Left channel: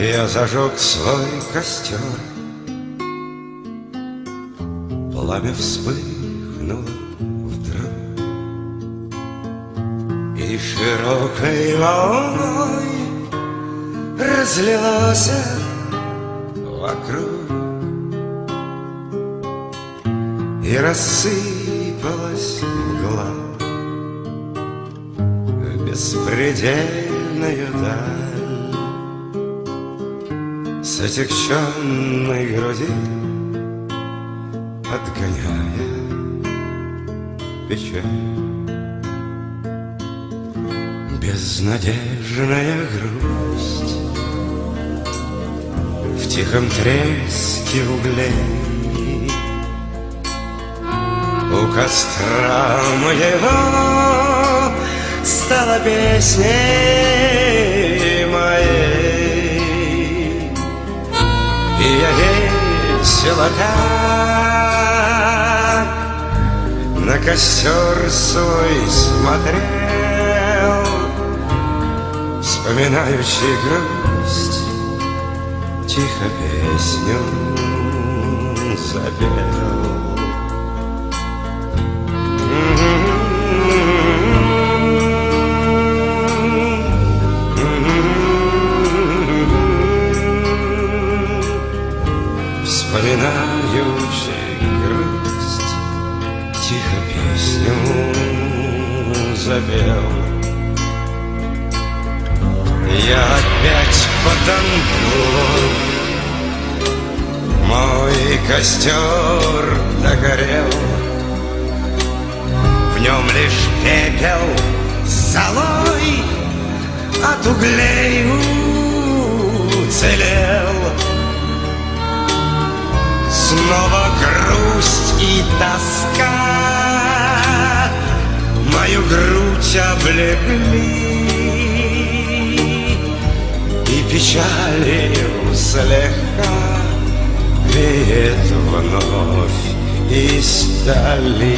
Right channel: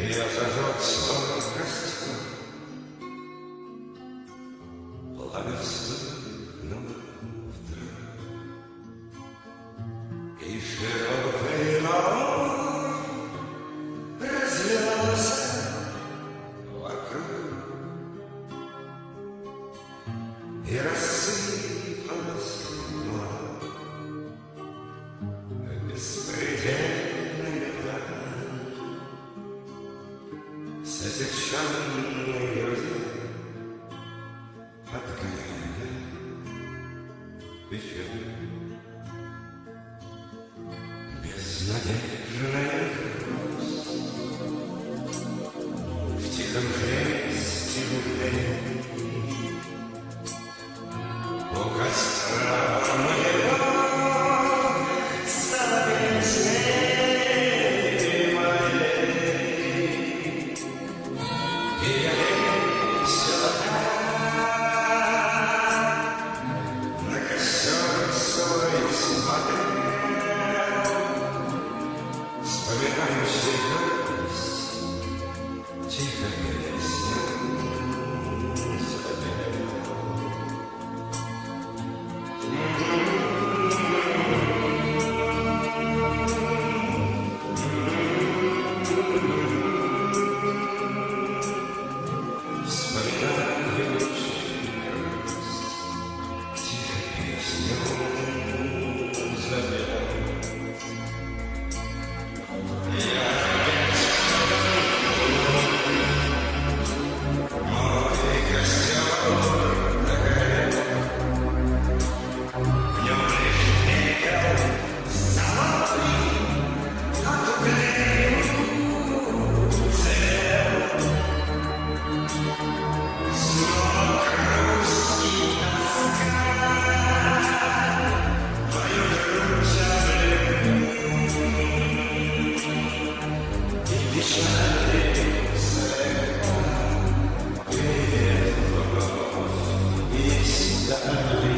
Я зажег свой костер, пламя вспыхнуло вдруг, и широкой волной разлилось вокруг, и рассыпалась мгла в беспредельную даль. С отягченной груди, отгоняя печаль, безнадежная грусть в тихом треске углей. У костра моего стала песней моей. И я весело так на костер свой смотрел, вспоминающий грусть, тихо песню запел. Вспоминающий грусть, тихо песню запел. Я опять потонул, мой костер догорел, в нем лишь пепел с золой от углей уцелел. Снова грусть и тоска мою грудь облекли, и печалью слегка веет вновь издали.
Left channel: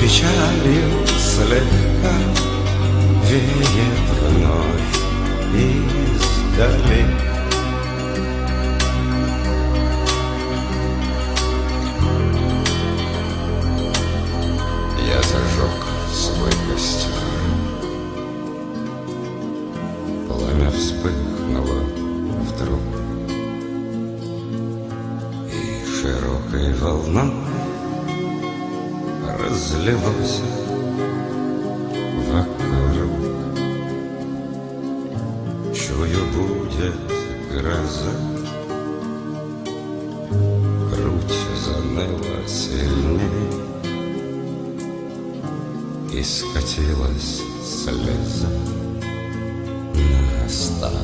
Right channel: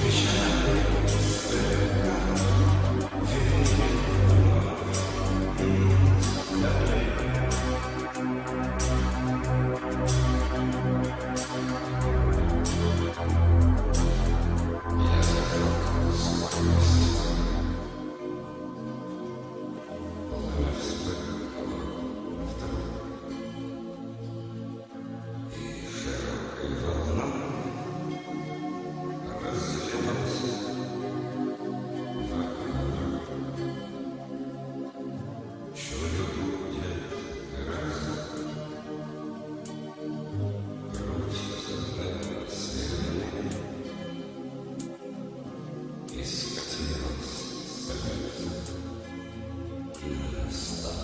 Печалью слегка веет вновь издали. Я зажег свой костер, пламя вспыхнуло вдруг, и широкой волной разлилось вокруг. Чую, будет гроза, грудь заныла сильней, и скатилась слеза на стан.